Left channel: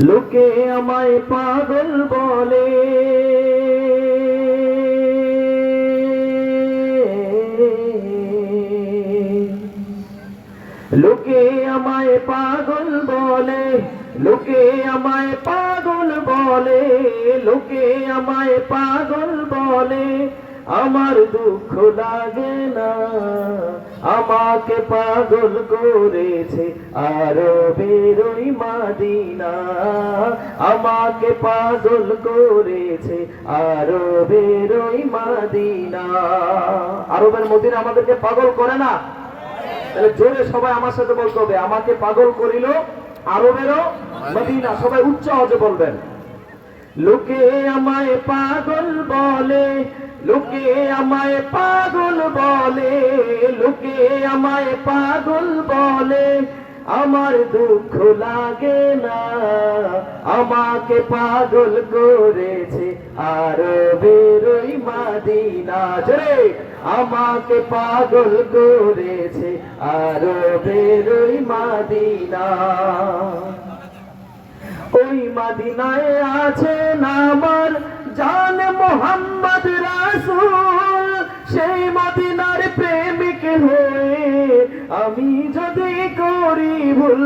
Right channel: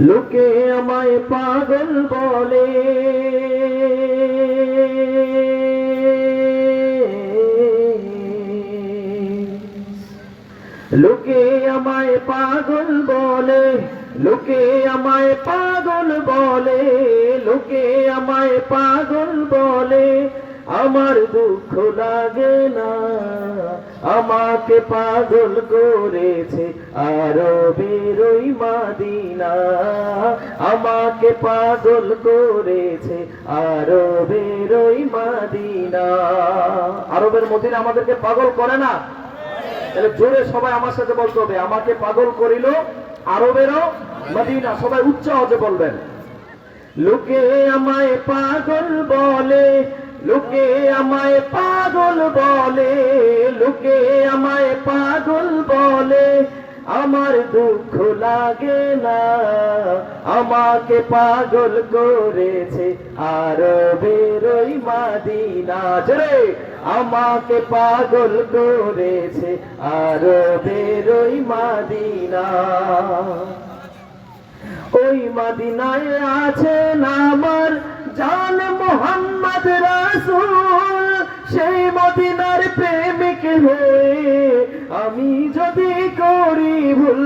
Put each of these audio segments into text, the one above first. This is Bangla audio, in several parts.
লোকে আমায় পাগল বলে, লোকে আমায় পাগল বলে, লোকে আমায় পাগল বলে, লোকে আমায় পাগল বলে, আমার দুঃখ লাগে না। আমাকে পাগল করেছে আরবের ওই মদিনা, আমাকে পাগল করেছে আরবের ওই মদিনা। আরবের মদিনা আমাদেরকে পাগল করে না? তাহলে জোরে সবাই আমার সাথে বলতে হবে, আমাকে পাগল করিল আরবেরও মদিনা। সবাই উচ্চ আওয়াজে বলবেন। লোকে আমায় পাগল বলে, লোকে আমায় পাগল বলে, লোকে আমায় পাগল বলে, আমার দুঃখ লাগে না। আমাকে পাগল করেছে আরবের ওই মদিনা। জোরে, আমাকে পাগল করেছে আরবের ওই মদিনা। ওই মদিনায় আছেন আমার জান মোহাম্মদ রাসূল, সেই মদিনার প্রেমিক হয়ে আমি যদি করি ভুল,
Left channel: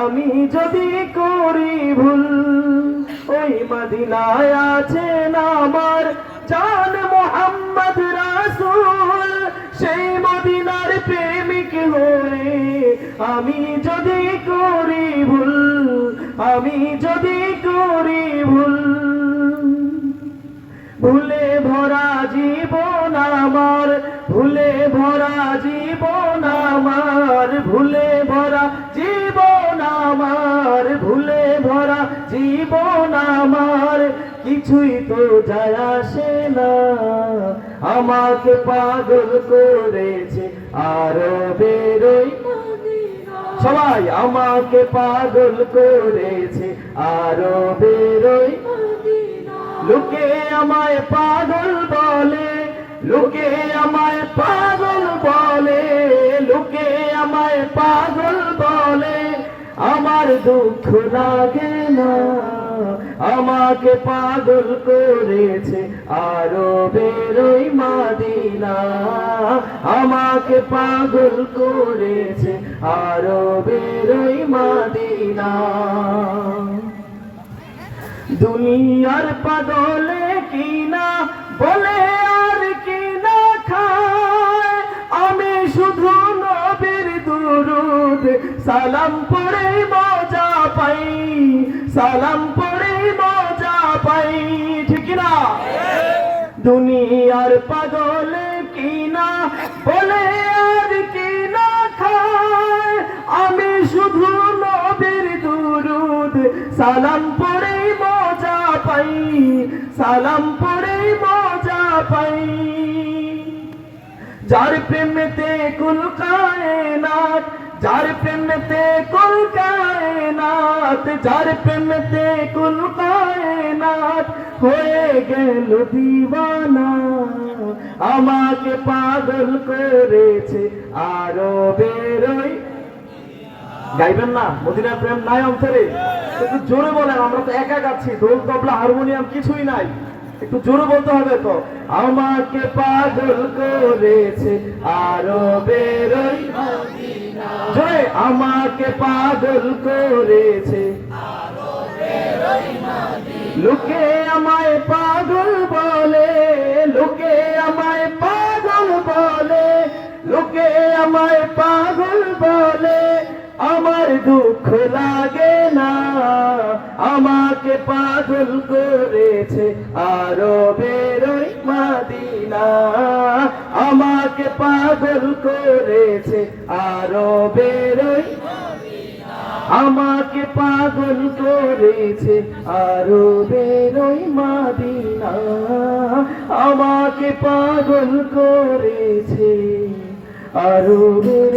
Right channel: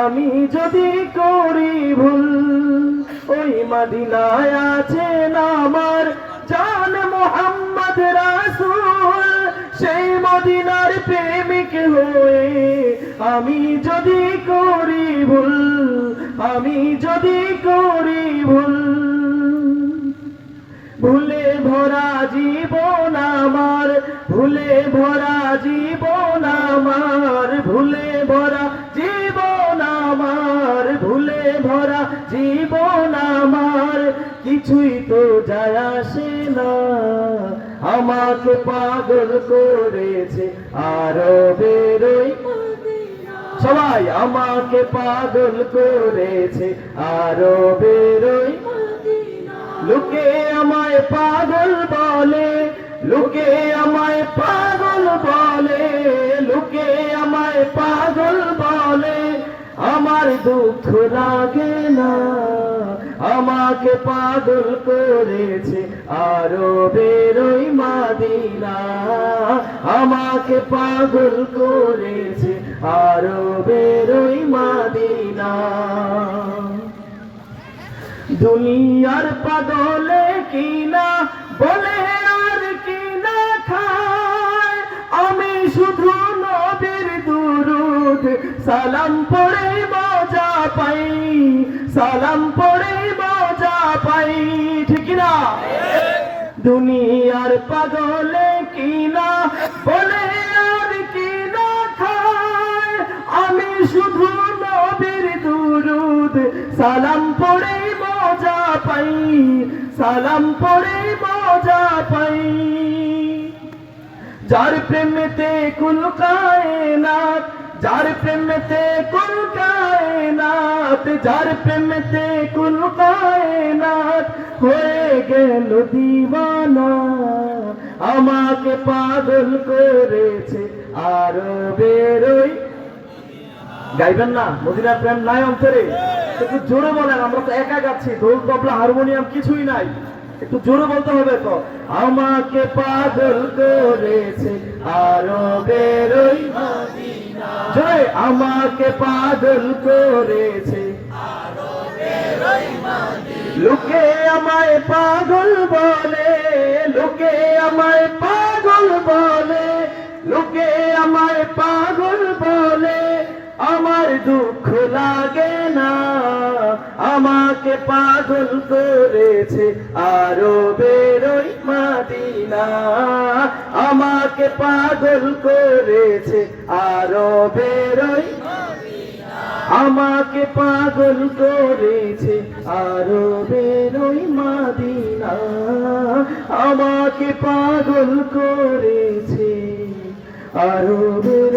আমি যদি করি ভুল। ওই মদিনায় আছেন আমার জান মোহাম্মদ রাসূল, সেই মদিনার প্রেমিক হয়ে আমি যদি করি ভুল, আমি যদি করি ভুল। ভুলে ভরা জীবন আমার, ভুলে ভরা জীবন আমার, ভুলে ভরা জীবন আমার, ভুলে ভরা জীবন আমার, কিছুই তো যায় আসে না। আমাকে পাগল করেছে আরবের ওই মদিনা। সবাই, আমাকে পাগল করেছে আরবের ওই মদিনা। লোকে আমায় পাগল বলে, লোকে আমায় পাগল বলে, লোকে আমায় পাগল বলে, আমার দুঃখ লাগে না। আমাকে পাগল করেছে আরবের ওই মদিনা, আমাকে পাগল করেছে আরবের ওই মদিনা। দুনিয়ার পাগলে কিনা বলে আর কিনা খায়, আমি শুধু নবীর দুরূদ সালাম পড়ে মজা পাই, সালাম পড়ে মজা পাই। ঠিক না? দুনিয়ার পাগলে কিনা বলে আর কিনা খায়, আমি শুধু নবীর দুরূদ সালাম পড়ে মজা পাই, সালাম পড়ে মজা পাই। যার প্রেমেতে কুল কায়নাত, যার প্রেমেতে কুল কায়নাত, যার প্রেমেতে কুল কায়নাত হয়ে গেল দিওয়ানা। আমাকে পাগল করেছে আরবের ওই। গাইবেন না? মদিনার প্রেম নাই অন্তরে? একটু জোরে বলেন, আমরা তো একা গাচ্ছি, ঢোল তবলা হারমোনিয়াম কিছুই নাই, একটু জোরে বলতে হবে তো। আমাকে পাগল করেছে আরবের ওই মদিনা। জোরে, আমাকে পাগল করেছে আরবের ওই মদিনা। লোকে আমায় পাগল বলে, লোকে আমায় পাগল বলে, লোকে আমায় পাগল বলে, আমার দুঃখ লাগে না। আমাকে পাগল করেছে আরবের ওই মদিনা, আমাকে পাগল করেছে আরবের ওই মদিনা, আমাকে পাগল করেছে আরবের ওই মদিনা, আমাকে পাগল করেছে আরবের